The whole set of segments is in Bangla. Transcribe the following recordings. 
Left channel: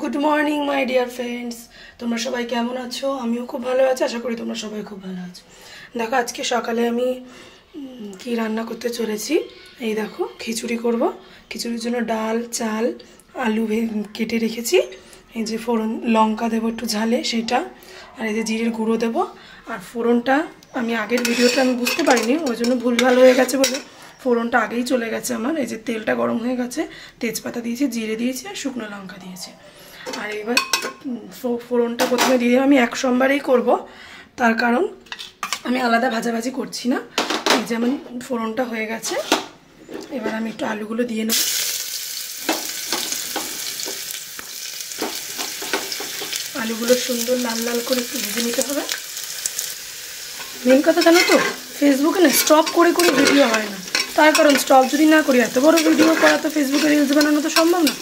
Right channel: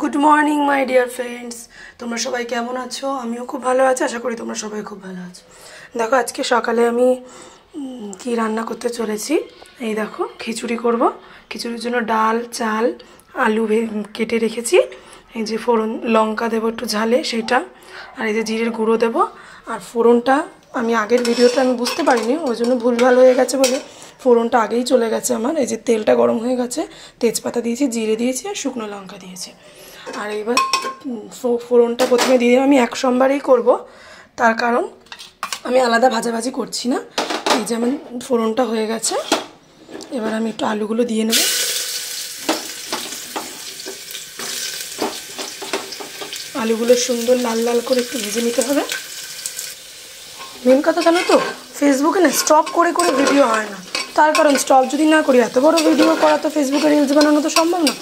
Good morning my dear friends, তোমরা সবাই কেমন আছো? আমিও খুব ভালো আছি, আশা করি তোমরা সবাই খুব ভালো আছো। দেখো আজকে সকালে আমি কি রান্না করতে চলেছি। এই দেখো খিচুড়ি করব। খিচুড়ির জন্য ডাল, চাল, আলু কেটে রেখেছি। এই যে ফোড়ন, লঙ্কা দেবো একটু ঝালে সেটা, আর এই যে জিরের গুঁড়ো দেবো। আর ফোড়নটা আমি আগের ভিডিওটা আমি বুঝতে পারিনি, ওই জন্য ভুলভাল হয়ে গেছে বলে ফোড়নটা আগেই চলে গেছে আমার। এই যে তেলটা গরম হয়ে গেছে, তেজপাতা দিয়েছি, জিরে দিয়েছি আর শুকনো লঙ্কা দিয়েছি। আর এবার ফোড়নটা প্রথমে দিয়ে আমি এক সোমবারেই করব, তার কারণ আমি আলাদা ভাজাভাজি করছি না। এই যেমন ফোড়নটা হয়ে গেছে, এবার আমি একটু আলুগুলো দিয়ে নেব। আলুগুলো সুন্দর লাল লাল করে একটু ভেজে নিতে হবে। মেন কথা জানো তো, ফেসবুকে না স্টপ করে করে ভিডিও হয় না, তার কারণ স্টপ যদি না করি এত বড় ভিডিও করা তো ফেসবুকে রিলস বানানো তো সম্ভব না।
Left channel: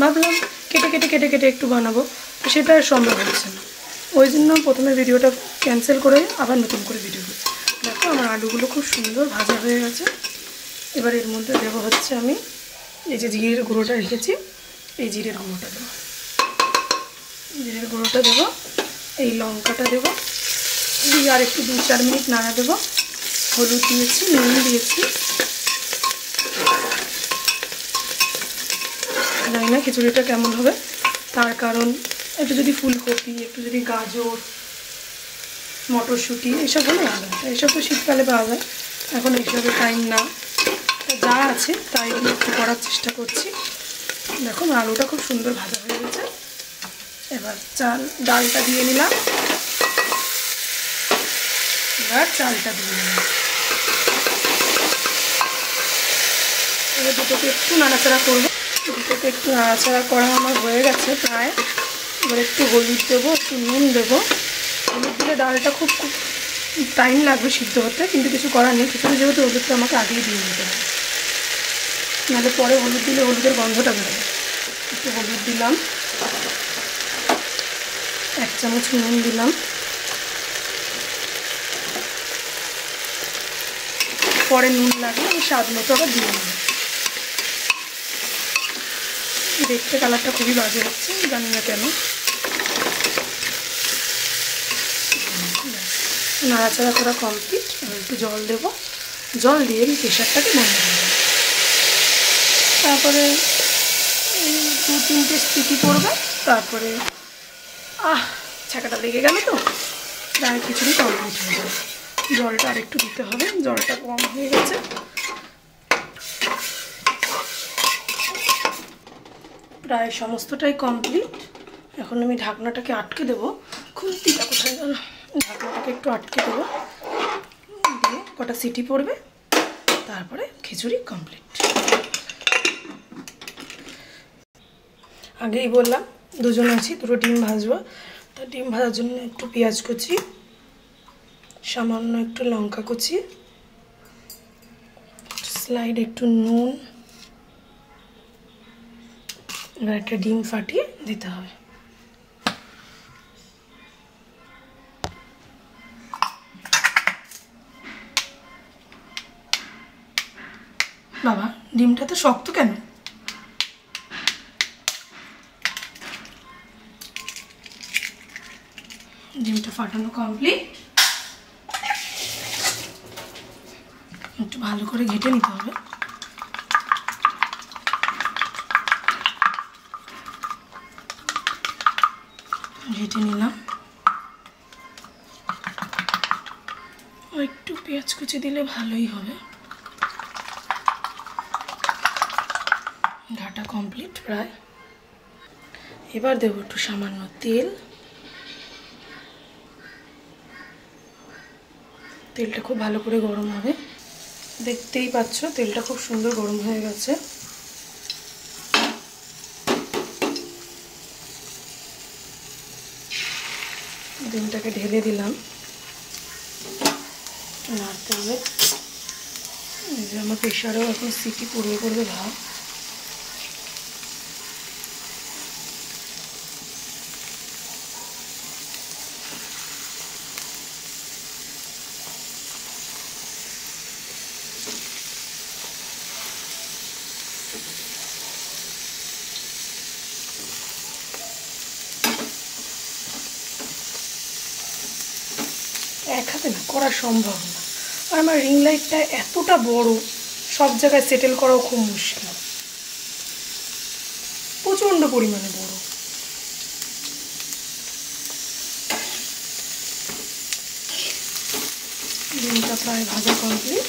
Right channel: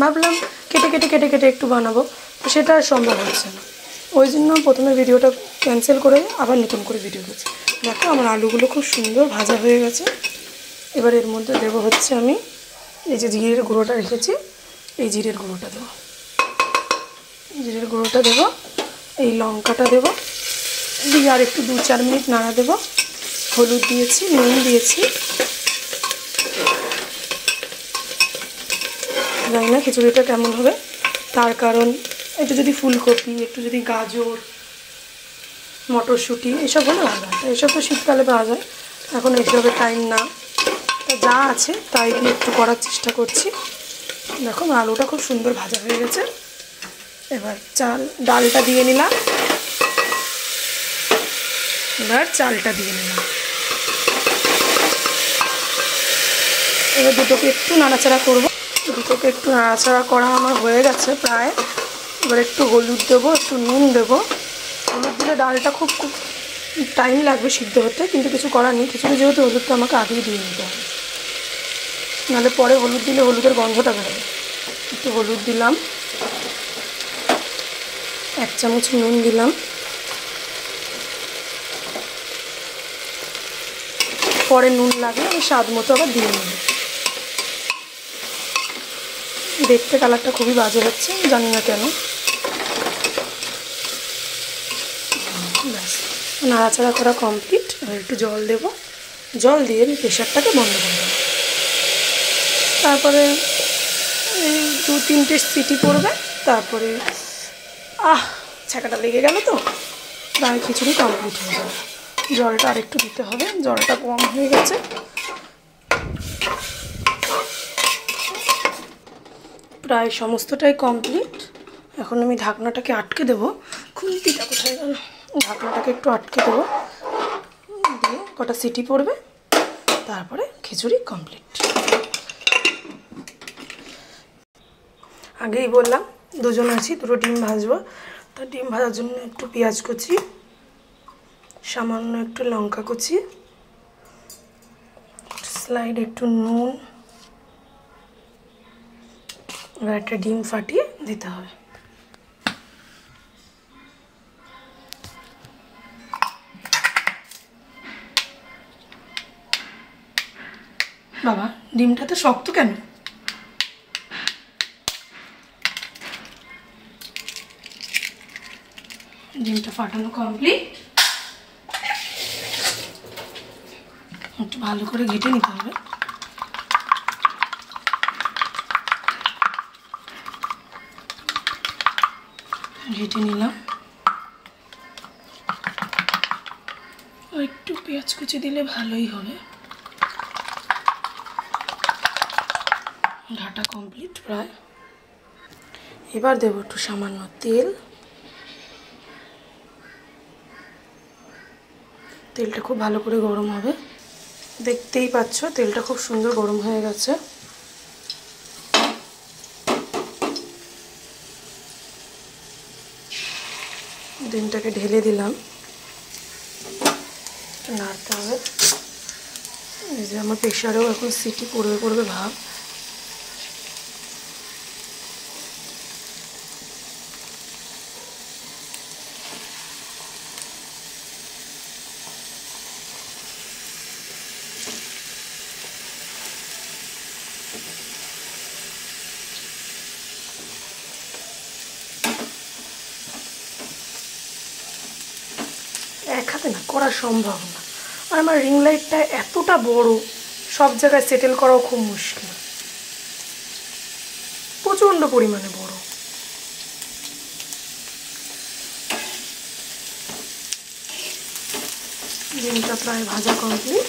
ভাবলাম কেটে কেটে কেটে কেটে একটু বানাবো, তো সেটা আর সম্ভব হচ্ছে না। ওই জন্য প্রথমে ভিডিওটা ক্যান্সেল করে আবার নতুন করে ভিডিও করছি। দেখো আমার আলুগুলো খুব সুন্দর ভাজা হয়ে গেছে। এবার এর মধ্যে দেবো হচ্ছে আমি এই যে জিরের গুঁড়োটা রেখেছি, এই জিরের গুঁড়োটা দেবো, জিরের গুঁড়োটা দেবো, এই লঙ্কাটা দেবো, দিয়ে আর একটু 2-4 মিনিট নাড়া দেবো। হলুদ দিয়েছি, নুন দিয়েছি। জানি না খিচুড়িটা কেমন হবে, তার কারণ একটু যদি ফুলকপি, একটু যদি গাজর, মটরশুঁটি এসব হলে ভালো হয়। এসব তো শীতকালে পাওয়া যায়, এখন এসবের টাইম না, তা যা আছে তাই দিয়ে একটু করার চেষ্টা করছি। দেখো আলুটা খুব সুন্দর ভাজা হয়ে গেছে। এবার ডালটা দিয়ে নিলাম, এবার চালটা দিয়ে নিলাম। এবার দুটোকে একটু নাড়াচাড়া করবো। দুটোকে একটু নাড়াচাড়া করা আমার হয়ে গেছে প্রায়। এবার একটু হলুদ দেবো, একটু নুন দেবো। হলুদ দিলে ডালটা খুব টাইম লাগবে সিদ্ধ হতে, কিন্তু কিছু করার নেই, খিচুড়ি যেহেতু হলুদটা আমাকে আগেই দিয়ে নিতে হবে, নাহলে পরে হলুদ দিলে হলুদের গন্ধটা বেরোবে। একটু হলুদ দিলাম, 1 চামচ নুন দিলাম, পরে নুন লাগলে আমি স্বাদ মতো আবার দিয়ে নেব। দেখতে কালারটা খুবই বাজে হচ্ছে, জানি না কেন। নাড়াচাড়া করা কমপ্লিট। একটু জল দেব, জল দিয়ে আমি প্রেশারটাকে বন্ধ করে দেবো। তারপরে 2-3টে সিটি পড়বে, তারপরে ছ্যাঁকাটা লেগে গেল তো প্রায় খিচুড়ি কমপ্লিট হয়ে যাবে। জলটা আরেকটু দিতে হবে, জলটা কম হয়ে গেছে। প্রায় সমস্তটাই কমপ্লিট। এখন আমি ঢাকনাটাকে আটকে দেবো। খুন্তিটা কোথায় গেল? ঢাকনাটাকে একটু আটকে দেবো, দিয়ে কটা সিটি পড়বে, তারপরে খিচুড়ি কমপ্লিট। আগেই বললাম দুজন আছি, 2টো ডিম ভাজবো। তো ডিম ভাজার জন্য একটু পেঁয়াজ কুচি, সামান্য একটু লঙ্কা কুচি, স্লাইড একটু নুন, এবার একটা ডিম ফাটিয়ে দিতে হবে। বাবা ডিমটা তো শক্ত কেন? ডিমটা ফাটানো কমপ্লিট। একটু ভালো করে ঘেটে নিতে হবে। ঘেটে নিলাম, একটু পেঁয়াজ কুচি দিলে ভালোই হবে। ঘাটা কমপ্লিট প্রায়। এবার দেবো একটু সামান্য তেল। তেলটা খুব ভালো করে গরম হবে, দেখতেই পাচ্ছ তেলটা খুব সুন্দর গরম হয়ে গেছে। ডিমটাকে ঢেলে দিলাম, নাড়তে হবে। এই যে আমার প্রেশারেও এখন সিটি পড়বে পড়বে ভাব। এক হাতে না করা সম্ভব না। আর আমার রিং লাইটটা এতটা বড়, সব জায়গায় সেটেল করাও খুব মুশকিল, প্রচণ্ড পরিমাণে বড়। ডিমটা প্রায় ভাজা কমপ্লিট।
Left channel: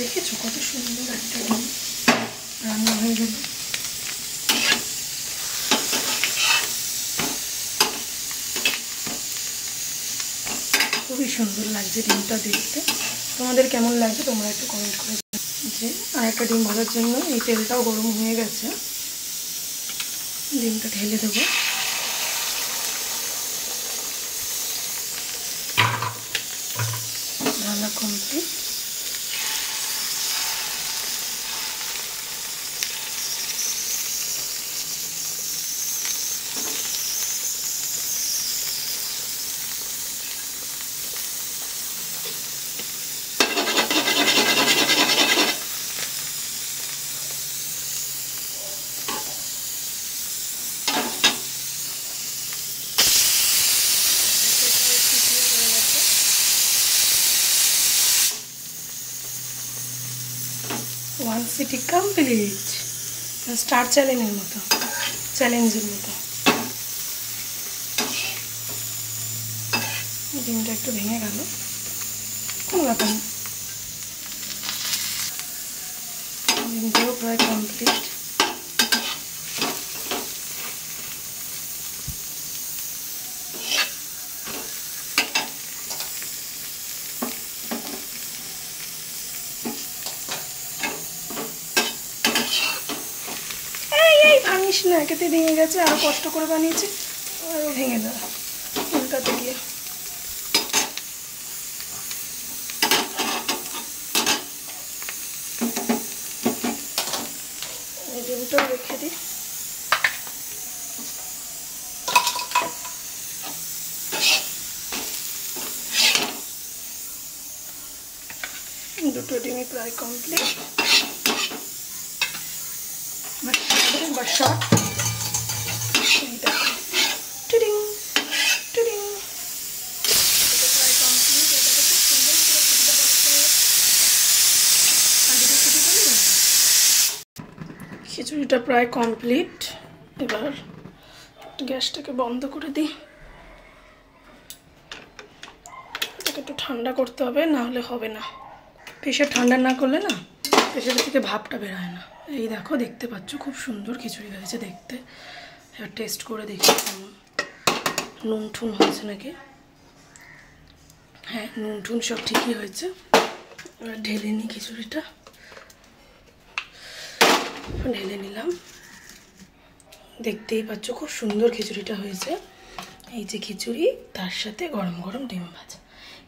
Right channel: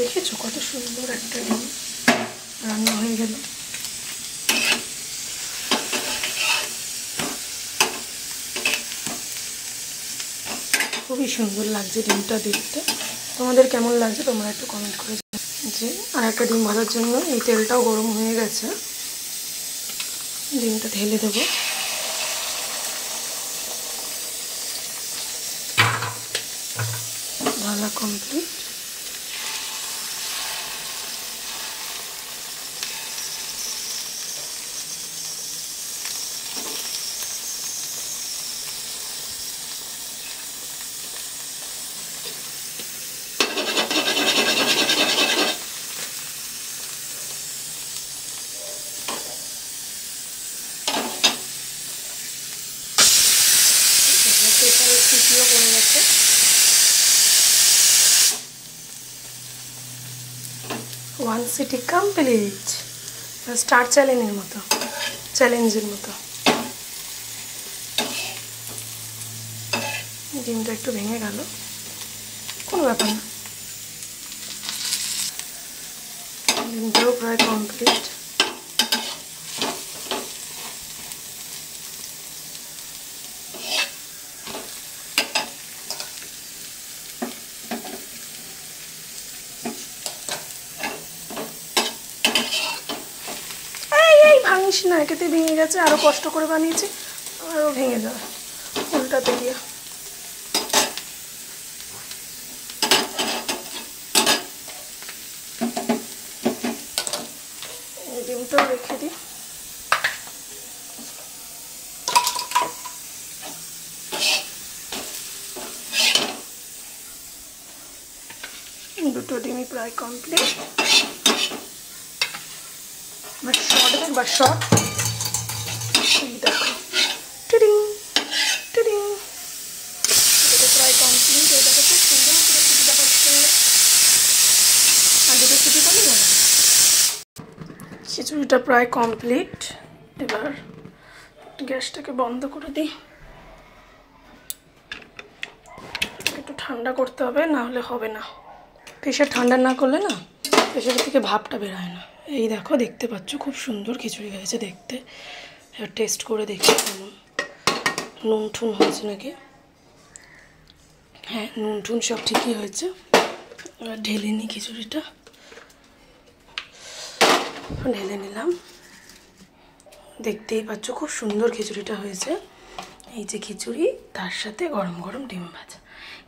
দেখেছো কত সুন্দর একটা ডিম রান্না হয়ে গেল। খুবই সুন্দর লাগছে ডিমটা দেখতে। তোমাদের কেমন লাগছে তোমরা একটু কমেন্ট করে যে। আর একটা ডিম ভাজার জন্য এই তেলটাও গরম হয়ে গেছে, ডিমটা ঢেলে দেবো। ঢালা কমপ্লিট। সিটিও পড়ে গেছে। One city complete. স্টার চ্যালেঞ্জের মতো, ডিমটা একটু ভেঙে গেল, কোনো ব্যাপার না। ডিমটাও প্রায় কমপ্লিট। ভাঙিস না, একেতে ভেঙে গেছে, আরো কষ্ট করে বানিয়েছি, আরো ভেঙে যাবে উল্টাতে গিয়ে। ডিমটাও রেখে দিই। দুটো ডিমই প্রায় কমপ্লিট। বা শর্ট দেখো, টিডিং টিডিং, এটা প্রায় কমপ্লিট। এটা খুব সুন্দর করে সিটিটা করছে, আর দুটো সিটি করলে ভালো। খিচুড়িটা প্রায় কমপ্লিট। এবার গ্যাসটাকে বন্ধ করে দিই। এটাকে একটু ঠান্ডা করতে হবে, না হলে হবে না। প্রেশার ঠান্ডা না করলে না প্রেশারের থেকে ভাপটা বের হয় না। এই দেখো, দেখতে পাচ্ছ খুব সুন্দর খিচুড়ি হয়েছে দেখতে। এবার টেস্ট করে দেখি কেমন, নুন ঠুন হয়েছে নাকি। হ্যাঁ, নুন ঠুন সব ঠিকই হয়েছে। এবার ঢেলে নিই খিচুড়িটা, ঢেলে নিলাম। দেখতেই পাচ্ছ খুব সুন্দর খিচুড়িটা হয়েছে। এই যে খিচুড়ি, তার সাথে গরম গরম ডিম ভাজা।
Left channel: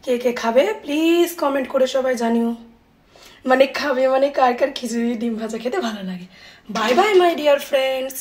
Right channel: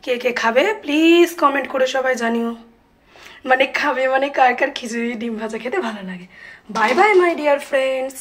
কে কে খাবে প্লিজ কমেন্ট করে সবাই জানিও। মানে খাবে মানে কার কার খিচুড়ি ডিম ভাজা খেতে ভালো লাগে। Bye bye my dear friends.